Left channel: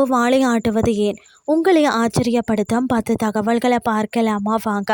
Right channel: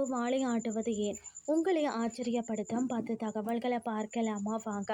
பாம்பு வாலை ஆட்டுவது ஏன்? உங்களை ஆச்சரியப்படுத்தும் 10 தகவல்களை பார்க்கலாமா வாங்க.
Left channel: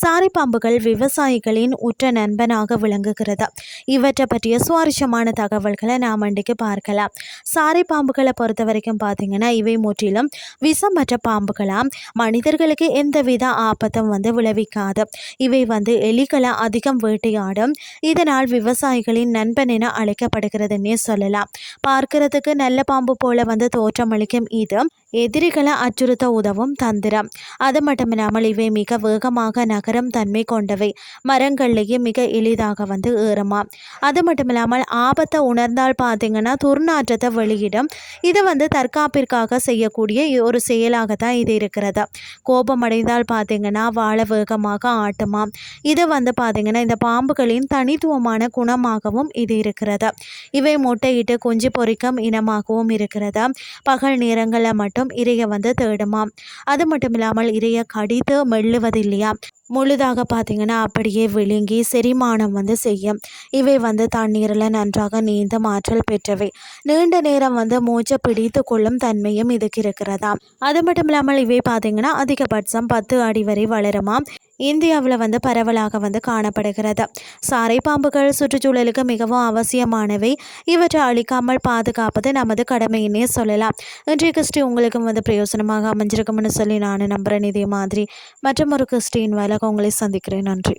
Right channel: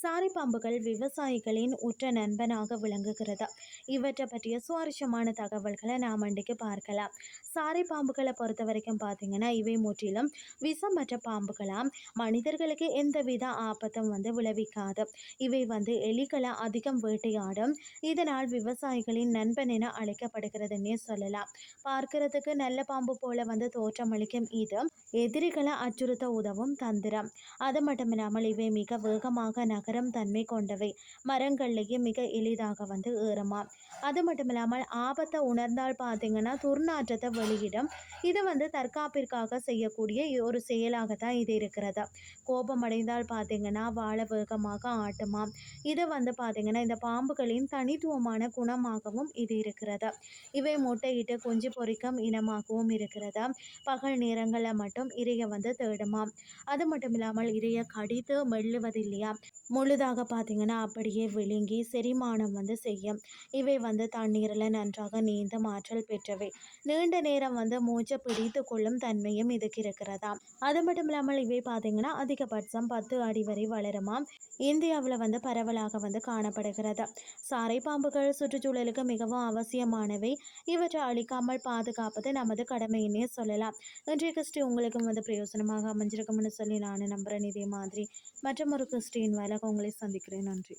சாரை பாம்புகள் விவசாயிகளின் உற்ற நண்பனாக விளங்குகிறது. இவற்றை பற்றிய சுவாரஸ்யமான தகவல்களை நாம் இன்றைக்கு பார்க்கலாம். சாரை பாம்புகளை பொறுத்த வரைக்கும் பார்த்தீங்கன்னா இவை முற்றிலும் விஷமற்ற பாம்புகளாம். மனிதர்களுக்கு எந்தவித ஆபத்தும் விளைவிக்காது. இவை எலிகளை அதிகம் வேட்டையாடும். இதனால் விவசாயிகளின் நண்பன் என அழைக்கப்படுகிறதுன்னே சொல்லலாம். பார்க்கிறதுக்கு நல்ல பாம்பு போல தோற்றமளிக்கும் இது எதிரிகளை அச்சுறுத்த உதவும் தந்திரம். அது மட்டுமில்லாமல் இவை மிக வேகமாக நகரும் தன்மை கொண்டவை. மரங்கள்லேயே மிக எளிதாக ஏறுமா. அது மட்டுமில்லாமல் ஆபத்தை உணர்ந்தால் பார்த்தீங்கன்னா துர்நாற்றத்தை வெளியிடும். இது தற்காப்பிற்காக செய்யக்கூடிய ஒரு செயலாக தான் இது இருக்கிறது. கோபம் அடைந்தால் பார்த்தீங்கன்னா வாழ வேகமாக ஆட்டுமா. இது பார்த்தீங்கன்னா இந்த பாம்புகளின் தனித்துவமான குணமாகவும் இது இருக்கிறது. இவை முட்டையிட்டு குஞ்சு பொறிக்கும் இனமாகவும் இருக்கிறது. பகல் நேரங்களில் மட்டும் இரையை தேடுமாம். அது மட்டும் இல்லாமல் இரையை கடித்து மெல்லுவதில்லையா, முழுதாக பார்த்தீங்கன்னா அப்படியே விழுங்கி செரிமானம் செய்யும். இவை தண்ணீரில் நன்றாக நீந்தும் ஆற்றல் பெற்றவை. நீண்ட நேரம் மூச்சை பிடித்து கொள்ளும் தன்மையும் இதுக்கு இருக்கிறதா. அது மட்டும் இல்லாமல் இவை பார்த்தீங்கன்னா அதிகபட்சம் 10 அடி வரை வளருமாம். இந்தியாவில் பரவலாக காணப்படுகிறது. சாரை பாம்புகள் சுற்றுச்சூழலுக்கு மிகவும் அவசியமானவை. இவற்றை அழிக்காமல் பாதுகாப்பது நமது கடமையினே சொல்லலாம். இன்றைய கிறிஸ்டி உங்களுக்கும் பிரயோசனமாக அமைஞ்சிருக்கும்னு சொல்லி நான் நம்புகிறேன். இதே மாதிரி மற்றும் ஒரு கிறிஸ்டின் வேலை உங்களை சந்திக்கிறேன். நன்றி.